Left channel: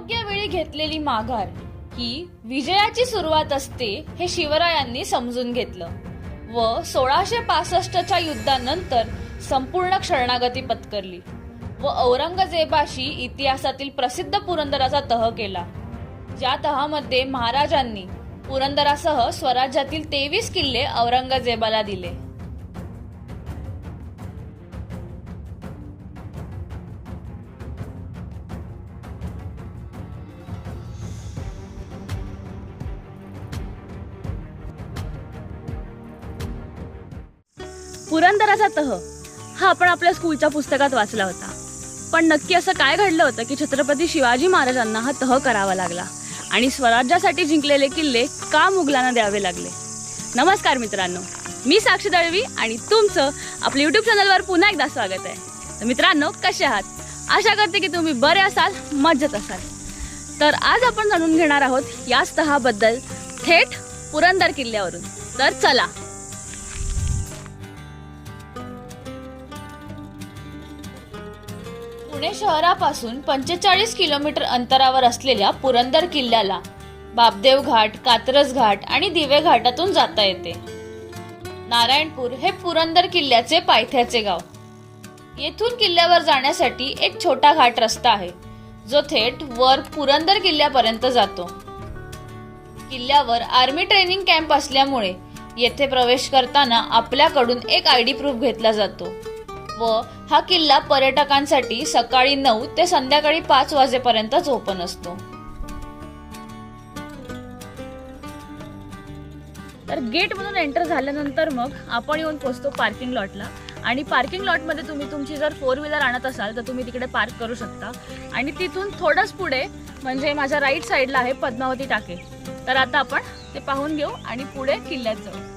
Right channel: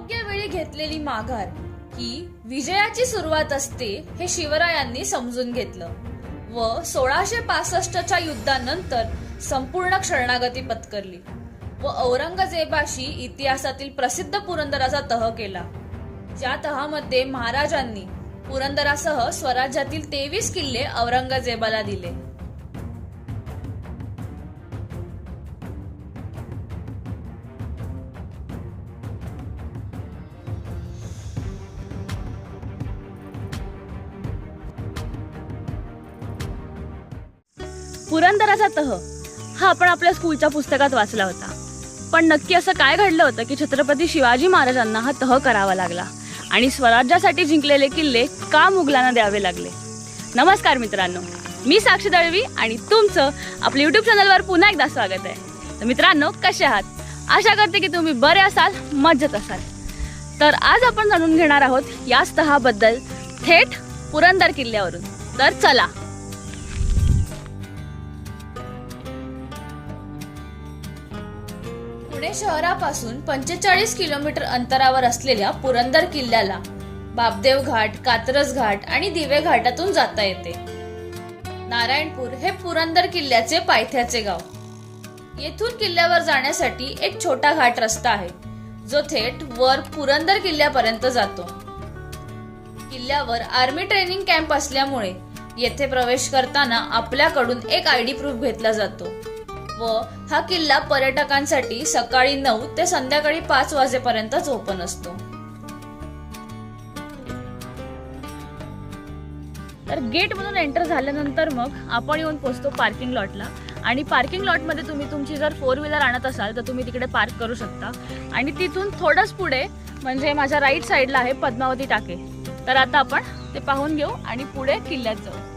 योग्य वेळी घेतलेली माघार ही विजयाची सुरुवात असते हे शिवरायांनी समजून घेतलं. व सोळाशे पासष्टच्या युद्धानंतर संपूर्ण शरणागती पत्करली. व औरंगजेबाशी इतिहासातील प्रसिद्ध पुरंदराचा तह केला. ज्या तहामध्ये महाराजांनी पुरंदरासह स्वराज्यातील तेवीस किल्ले औरंगजेबाला दिले. पुरंदराचा हा. आपण आपल्या स्कूलच्या पुस्तकात वाचला होता. पण नक्की असं काय घडलं होतं की छत्रपती शिवाजी महाराजांना हा तह करावा लागला आणि स्वराज्यासाठी जिंकलेले किल्ले का मुघलांना द्यावे लागले? नमस्कार मित्रांनो मी साक्षी दळवी आणि तुमचं आपल्या यूट्यूब चॅनलवर पुन्हा एकदा स्वागत आहे. तर मित्रांनो कसे आहात? आशा करते की तुम्ही बरे असाल मज्जत असाल. तर आज आपण जाणून घेणार आहोत याच तहाबद्दल थेट पुरंदर किल्ल्यावरून. तर चला पुणे शहरापासून पंचेचाळीस किलोमीटर अंतरावर असलेल्या पुरंदर किल्ल्याला बाबदेव घाट कात्रज घाट आणि दिवे घाटातून जाता येते. नारायणपूर हे पुरंदर किल्ल्याचे पायथ्याचे गाव. येथून किल्ल्यावर जाण्यासाठी एक छोटा घाट रस्ता आहे जो थेट वर पुरंदर किल्ल्यापर्यंत जातो. किल्ल्यावर आर्मी ट्रेनिंग कॅम्प असल्यामुळे येथे प्रवेश करताना आपल्याकडून एक आय डी प्रूफ घेतला जातो. व हा किल्ला पर्यटकांसाठी सकाळी नऊ ते संध्याकाळी पाच वाजेपर्यंतच ओपन असतो. तर गेटमधून एंटर झाल्यानंतर मग आपण येऊन पोहोचतो पार्किंग लॉटला. आणि पार्किंग लॉटमध्ये तुम्ही तुमची जर फोर व्हीलर आणत असाल तर तुम्ही तिकडे पार्क करू शकता. आणि तिथून थोडंच पुढे म्हणजे माझ्या राईट साईडला आहे पद्मावती टाके. तर आता आपण ते पाहून घेऊ आणि पुढे किल्ल्यात जाऊ.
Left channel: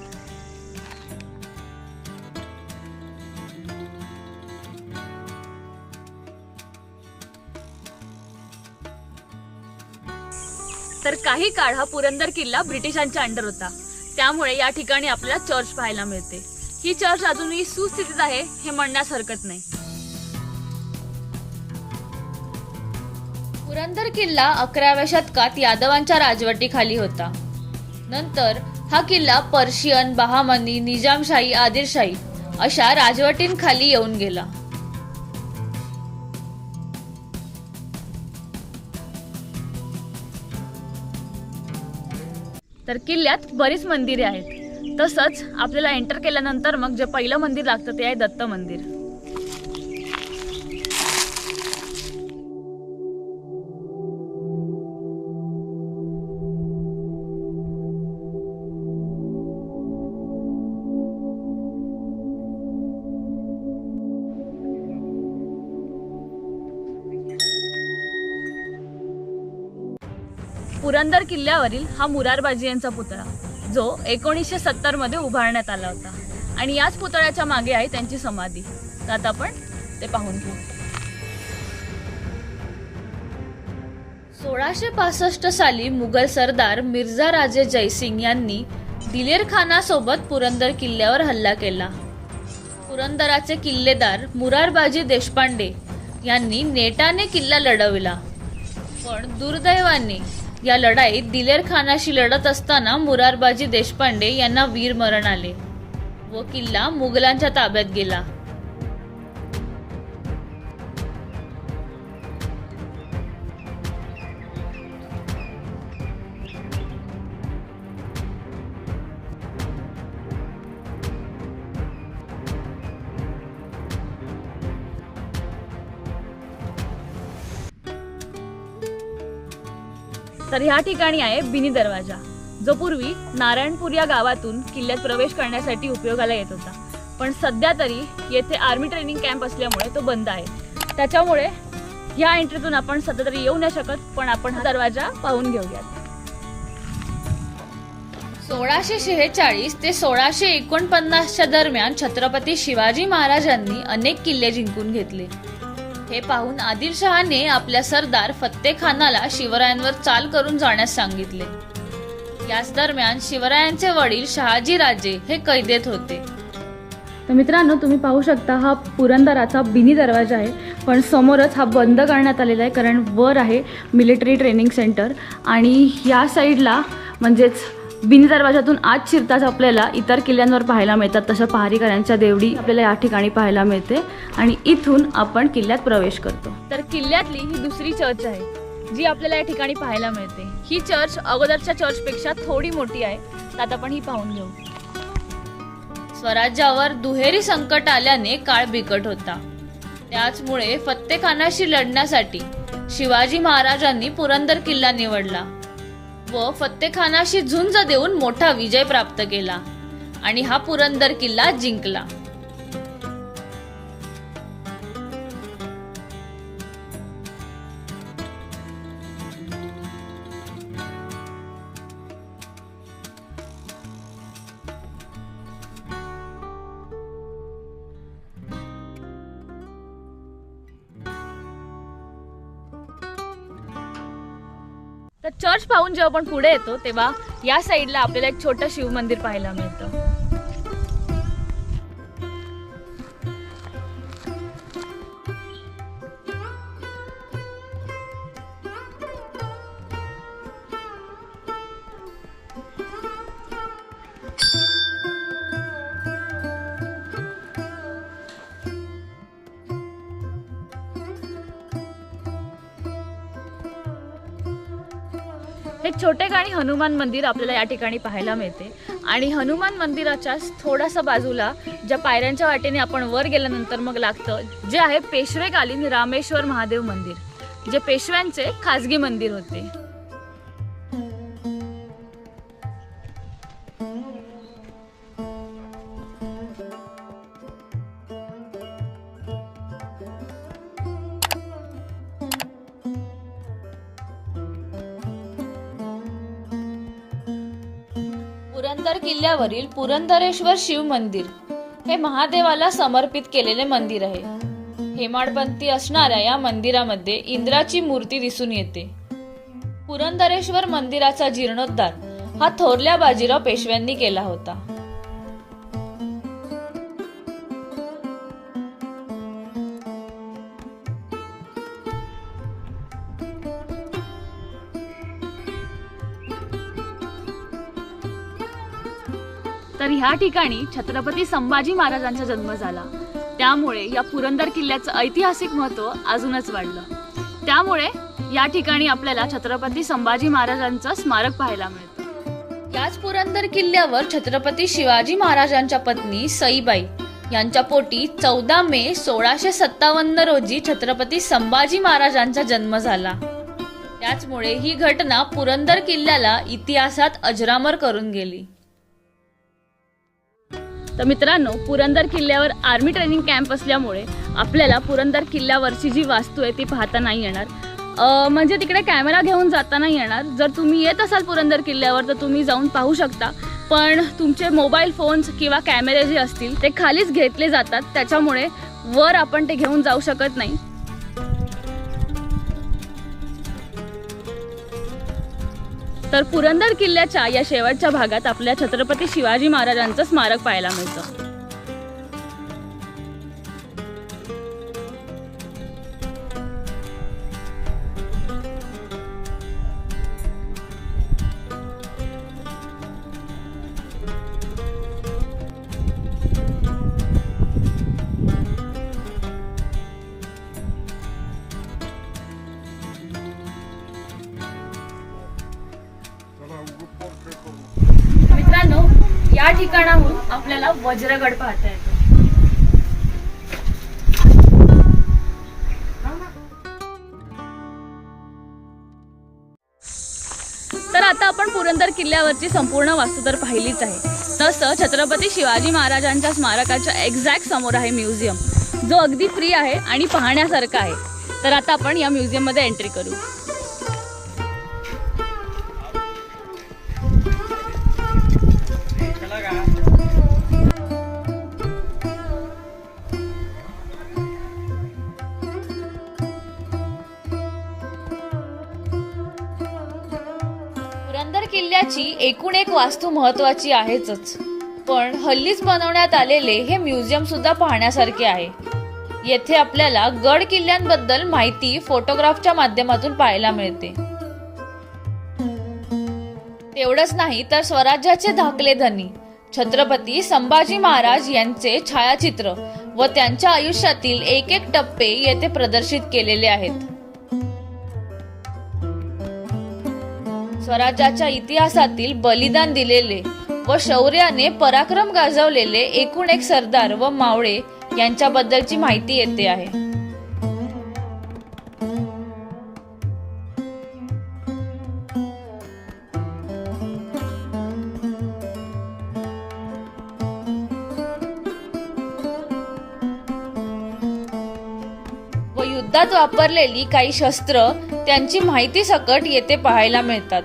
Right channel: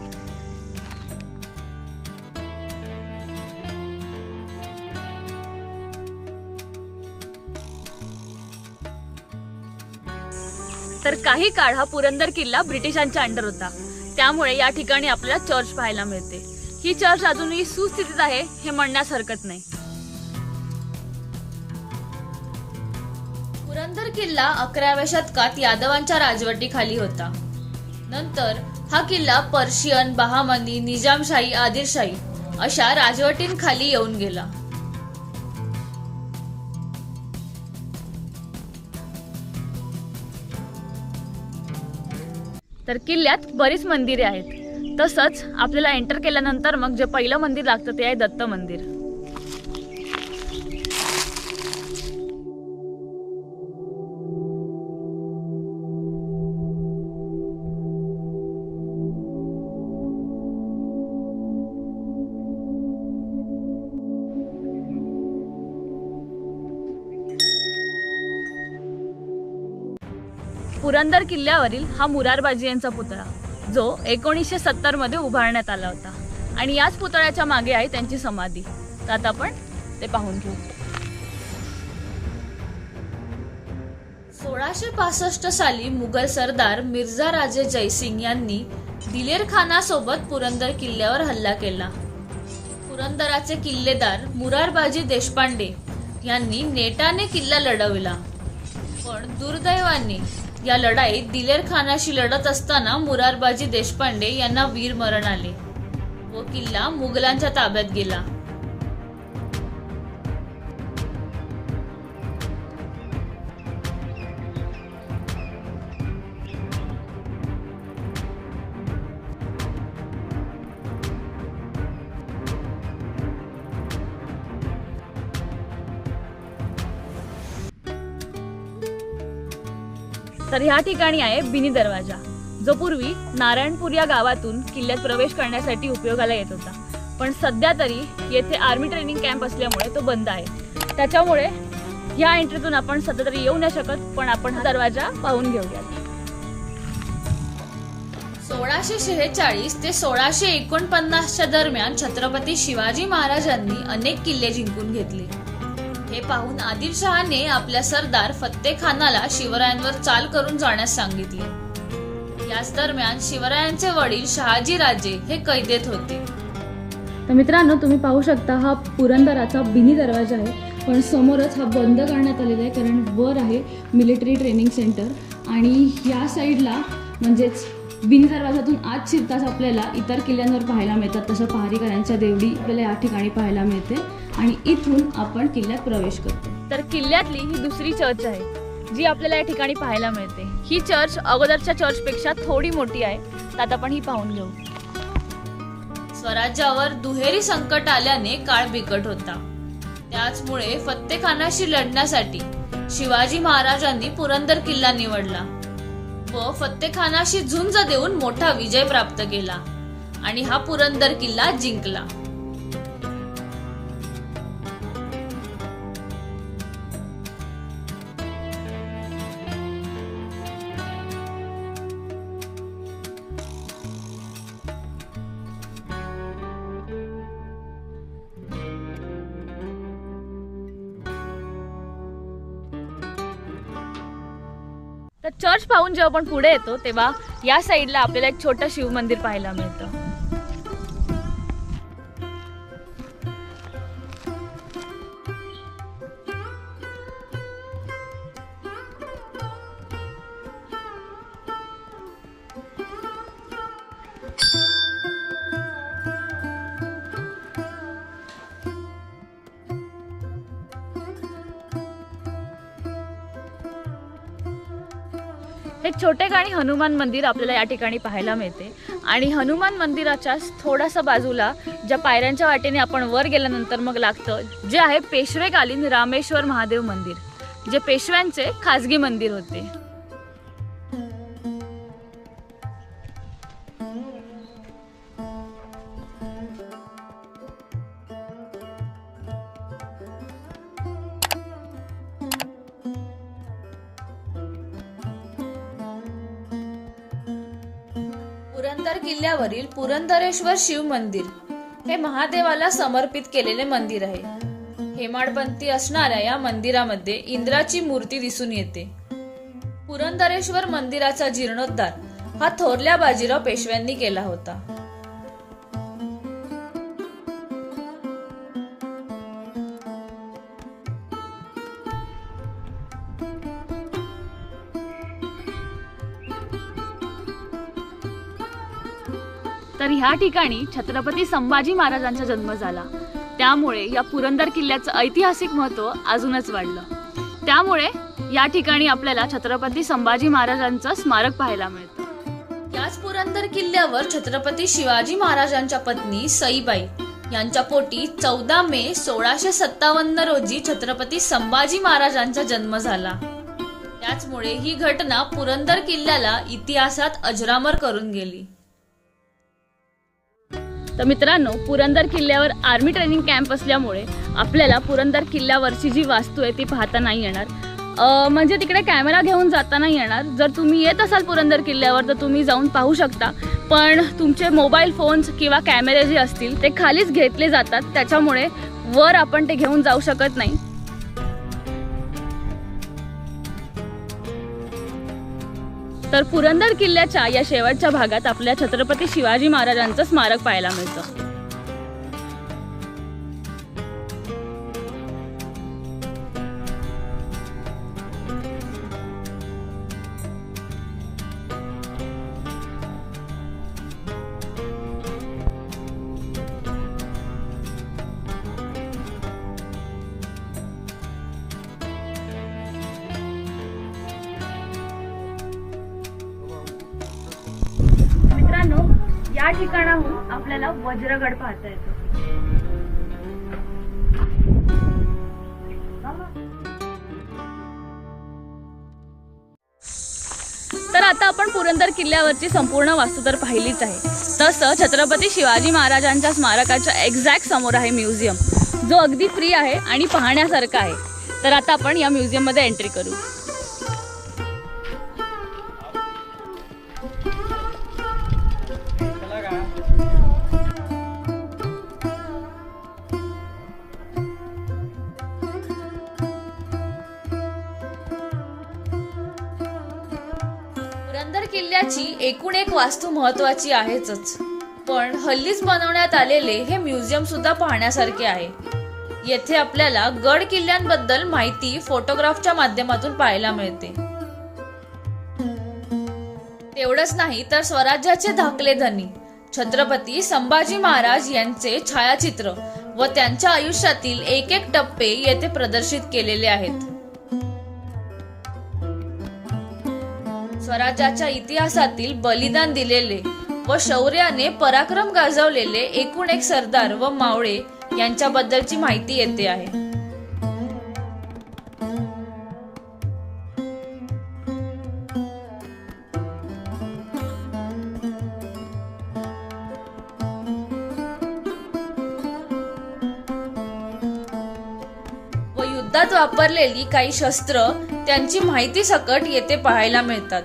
तर काही काळ हा पुरंदर किल्ला ब्रिटिशांच्या अंडर होता. त्यामुळे या ठिकाणी आपल्याला चर्च पाहायला मिळते. ही चर्च अजूनही सुस्थितीत आहे हे म्हणण्यास हरकत नाही. पुरंदर किल्ला अकराव्या शतकात यादवांच्या राजवटीखाली होता. नंतर हा किल्ला पर्शियन बहामनी निजामशाही आदिलशाही अशा राजवटींखाली येऊन गेला. तर किल्ल्यात बरीच मंदिरे आहेत. तसंच आपल्याला एंटर केल्यानंतर मग जे पहिलं मंदिर लागतं ते आहे दत्त मंदिर. पुरंदर किल्ल्यावरील हा मुरारबाजी यांचा पुतळा जो एकोणीसशे सत्तरमध्ये उभारण्यात आला होता. आणि याच पुतळ्याच्या मागे आहे त्यांची समाधी. तर आता आपण ते पाहून घेऊ. सोळाशे पासष्ट साली मुघल सरदार मिर्झा राजे जयसिंग यांनी दिलेर खानासोबत पुरंदर किल्ल्यावर हल्ला केला. पुरंदराचे किल्लेदार मुरारबाजी देशपांडे यांनी नेटाने किल्ला लढविला. पण दुर्दैवाने या लढाईत दिलेर खानाशी लढत असताना मुरारबाजी देशपांडे यांना वीर मरण आले. व किल्ला मुघलांच्या ताब्यात गेला. तर ह्या ठिकाणी आहे बिनी दरवाजा जो पूर्वी नारायणपूर या गावातून किल्ल्यात प्रवेश करण्यासाठी उपयोगाला येत होता. पण सध्या तरी येथे आर्मी ट्रेनिंग कॅम्प असल्यामुळे तो बंद आहे. त्याच्यामुळे ह्या एंट्रीतून आपण सध्या तरी येऊ नाही शकत पण आपण हा दरवाजा पाहून घेऊयात. सोळाशे शेहेचाळीस ते सोळाशे एकोणपन्नासच्या दरम्यान छत्रपती शिवाजी महाराजांनी अनेक किल्ले जिंकून घेतले. हे पाहून आदिलशहाने आपल्या सरदार फत्तेखानाला शिवरायांवर चाल करून जाण्यास सांगितले. याच दरम्यान शिवरायांचे वडील शहाजी राजे हे कैदेत होते. तर मित्रांनो तुम्ही पाहू शकता हा पुरंदराचा बिनी दरवाजा आहे पण समोरच हा बंद करण्यात आलेला आहे कारण वर आहे मिलिटरी ट्रेनिंग सेंटर आणि या साईडला म्हणजेच बिन दरवाजातून शिरताच आपल्याला इतर किल्ल्यांवर पाहायला मिळतात तसं पहारीकरांच्या देवडी आपल्याला या ठिकाणी पाहायला मिळते आणि इथून आपण किल्ल्यात प्रवेश करतो. तर किल्ल्यातली ही दुसरी चर्च आहे जी आपल्याला या ठिकाणी पाहायला मिळते. ही चर्च अगोदरच्या चर्चपेक्षा थोडी मोठी आहे. त्यात आपण ही पाहून घेऊ. स्वराज्यावर दुहेरी संकट आल्याने काळ बिकट होता. त्याचमुळे फत्तेखानाशी लढण्यासाठी शिवाजी महाराजांनी पुरंदर किल्ला निवडला. व फत्तेखानाशी झुंज देऊन मोठा विजय प्राप्त केला. आणि हा पुरंदर किल्ला जिंकला. तर चर्च पाहून जेव्हा आपण पुढे येतो तेव्हा या साईडला आपल्याला एक छोटं शिव मंदिर पाहायला मिळतं. हे छोटे गाणी हनुमान मंदिर आपल्याला या ठिकाणी पाहायला मिळते. आणि हनुमान मंदिराच्या थोडासा बाजूला ज्या पायऱ्यांच्या वाटेने आपण वर गेल्यानंतर मग लागतं जे आहे पेशवेकालीन रामेश्वर महादेव मंदिर जे पेशव्यांचे खाजगी मंदिर होते. किल्ल्यावरील पुरंदरेश्वर शिव मंदिर हे महादेवाला समर्पित केलेले मंदिर आहे. हेमाडपंथी असणाऱ्या या मंदिरामध्ये इंद्राची मूर्ती दिसून येते. पुरंदरेश्वर मंदिराचा जीर्णोद्धार हा थोरल्या बाजीराव पेशव्यांनी केला होता. तर ह्या ठिकाणी छत्रपती संभाजी महाराजांचा जन्म झाला. त्यामुळे या पुरंदर किल्ल्याचं ऐतिहासिक महत्त्व अजूनच वाढलं. त्यामुळे या ठिकाणी आपल्याला छत्रपती संभाजी महाराजांचं स्मारक पाहायला मिळतं. याच पुरंदर किल्ल्यावर छत्रपती शिवाजी महाराजांच्या पत्नी सईबाई यांच्या पोटी चौदा मे सोळाशे सत्तावन्न रोजी छत्रपती संभाजी महाराजांचा जन्म झाला. त्याचमुळे ही घटना पुरंदर किल्ल्याला इतिहासात अजरामर करून गेली. तर मित्रांनो पुरंदर किल्ल्यावर आर्मी ट्रेनिंग कॅम्प असल्यामुळे आपल्याला पुरंदर किल्ल्यावरची जी वास्तू आहे ती पाहता नाही येणार. म्हणजे तिकडे कॅमेरा घेऊन जाता नाही येणार. जर तुम्ही येत असाल पुरंदर किल्ल्यावर तर तुम्ही जाऊन पाहू शकता. पण तुमचे मोबाईल फोन्स किंवा कॅमेरे जे असतील ते खालीच घेतले जातात. त्याच्यामुळे वर आपण ते घेऊन जाऊ शकत नाही. तर पुरंदर किल्ल्याच्या या शेवटच्या भागात आपल्या छत्रपती शिवाजी महाराजांचं स्मारक पाहायला मिळतं. या ठिकाणाहून आपल्याला वज्रगड पाहता येतो. तर आता आपण पुरंदर किल्ल्यावरची संपूर्ण वास्तू तर पाहिलीच आहे. तसं छत्रपती शिवाजी महाराजांच्या स्मारकाच्या एक्झॅक्ट समोर आहे म्युझियम. जो अगदी फ्री आहे आणि पाहण्यासारखा आहे. तर आता आपण या म्युझियममध्ये एंट्री करू. पुरंदर एकूण एक वास्तू महत्वाची आहेच पण हल्लीच बनवण्यात आलेले हे म्युझियम सुद्धा पाहण्यासारखे आहे. येथे आपल्याला गड किल्ल्यांबद्दल माहिती फोटोग्राफच्या माध्यमातून पाहायला मिळते. तेवढंच नाही तर स्वराज्याचे धाकले धनी छत्रपती संभाजी महाराज यांचे छायाचित्र व त्यांच्या आयुष्यातील एक एक टप्पे येथे प्रदर्शित केलेले आहेत. स्वराज्याच्या इतिहासातील बलिदान दिलेले व शौर्याने पराक्रम गाजवलेले एकूण एक सरदार व मावळे यांच्याबद्दलची माहिती येते आहे. वापरलेली काही शस्त्र त्यांची माहिती सकट येथे पाहायला मिळतात.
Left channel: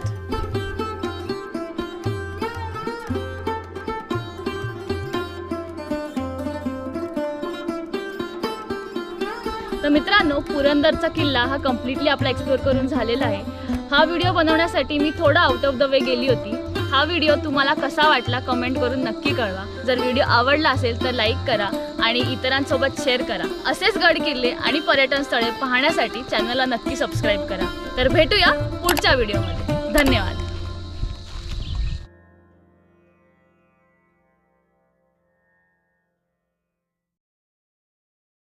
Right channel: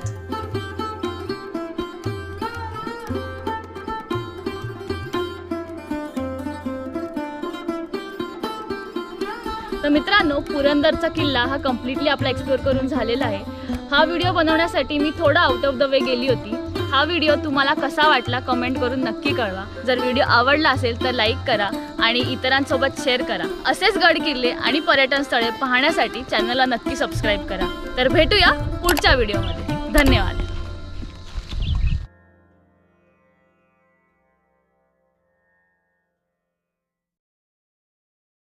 तर मित्रांनो पुरंदरचा किल्ला हा कम्प्लिटली आपला एक्सप्लोर करून झालेला आहे. हा व्हिडिओ बनवण्यासाठी मी थोडा आउट ऑफ द वे गेली होती. हा व्हिडिओ तुम्हाला कसा वाटला कमेंट करून नक्की कळवा. जर व्हिडिओ आवडला असेल तर लाईक करा आणि इतरांसोबत शेअर करा. असेच गड किल्ले आणि पर्यटन स्थळे पाहण्यासाठी चॅनलला नक्की सबस्क्राईब करा. तर भेटूया पुढच्या व्हिडिओमध्ये धन्यवाद.